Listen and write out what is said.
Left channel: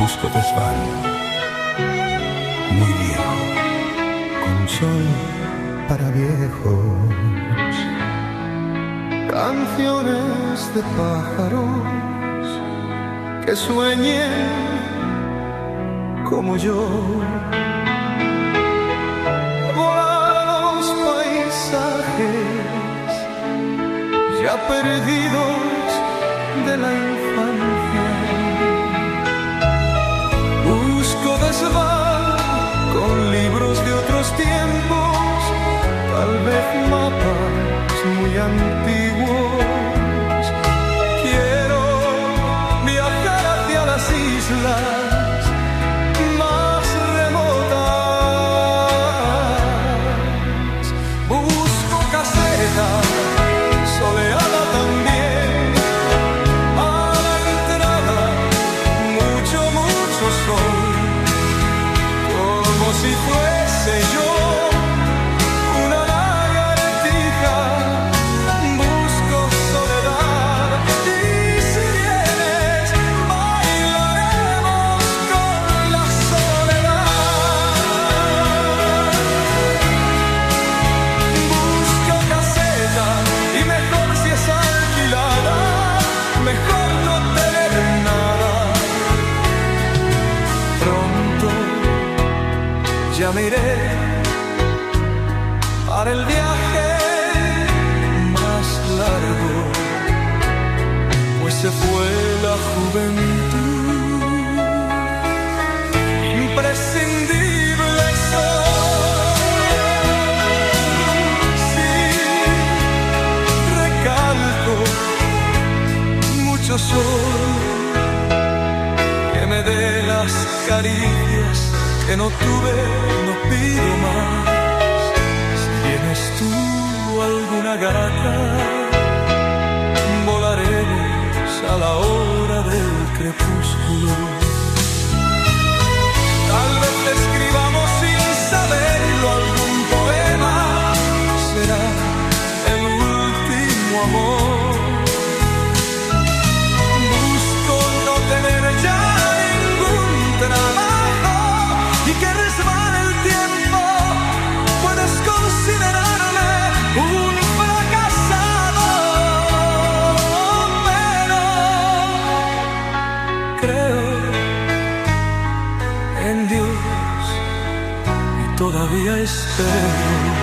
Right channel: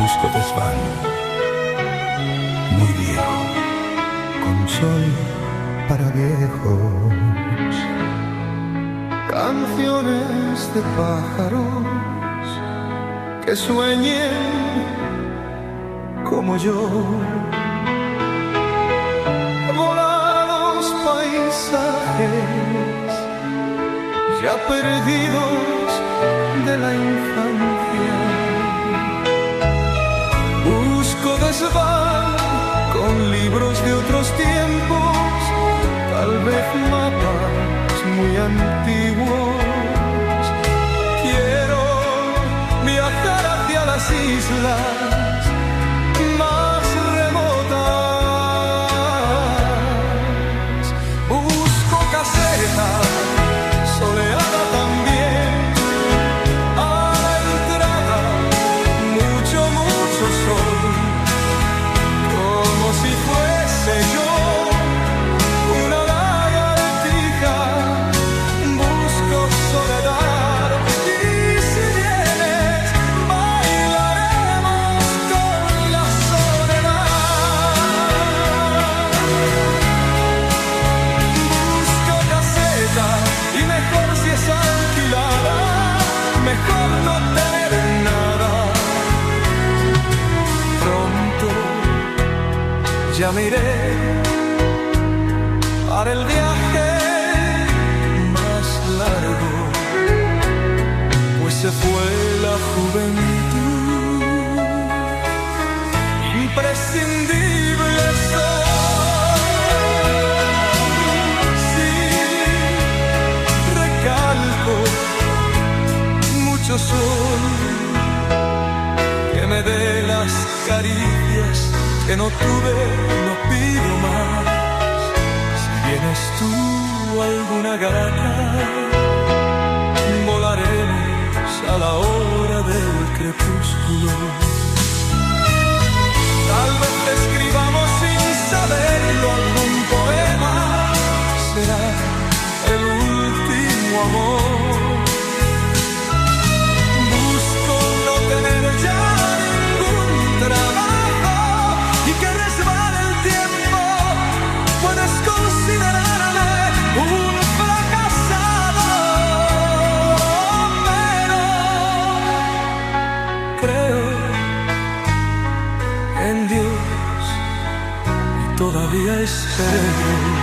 busco desván, muy viejo, con sol para viejos. Canciones de pájaros que sueñen como yo. Volar a los paisajes ya perdidos de la infancia. Busco desván con libros de otros tiempos, tal vez mapas muy antiguos. Quiero viajar hacia las islas más remotas. Busco caseta soleada también, a la entrada mucho sol, como si fuese yo una lagartija. Busco soledad y si vienes bailaremos con la soledad. Busco caseta y mejor si es alquilada, mejor no tener nada. Pronto ya me iré para el viaje más largo, pues se fue la juventud. Imprescindible soy, sí, recalco, mucho sol que me dé las caricias que no tuve, no pido más. Si vienes tú, alguna gata, volaremos a la hora del crepúsculo. Tal vez te escribamos sin saberlo algún poema, será el último amor. Busco no tener ya ningún trabajo y que resbale el tiempo. Puedes considerarme un fracasado, pero creo en Dios y todavía espero.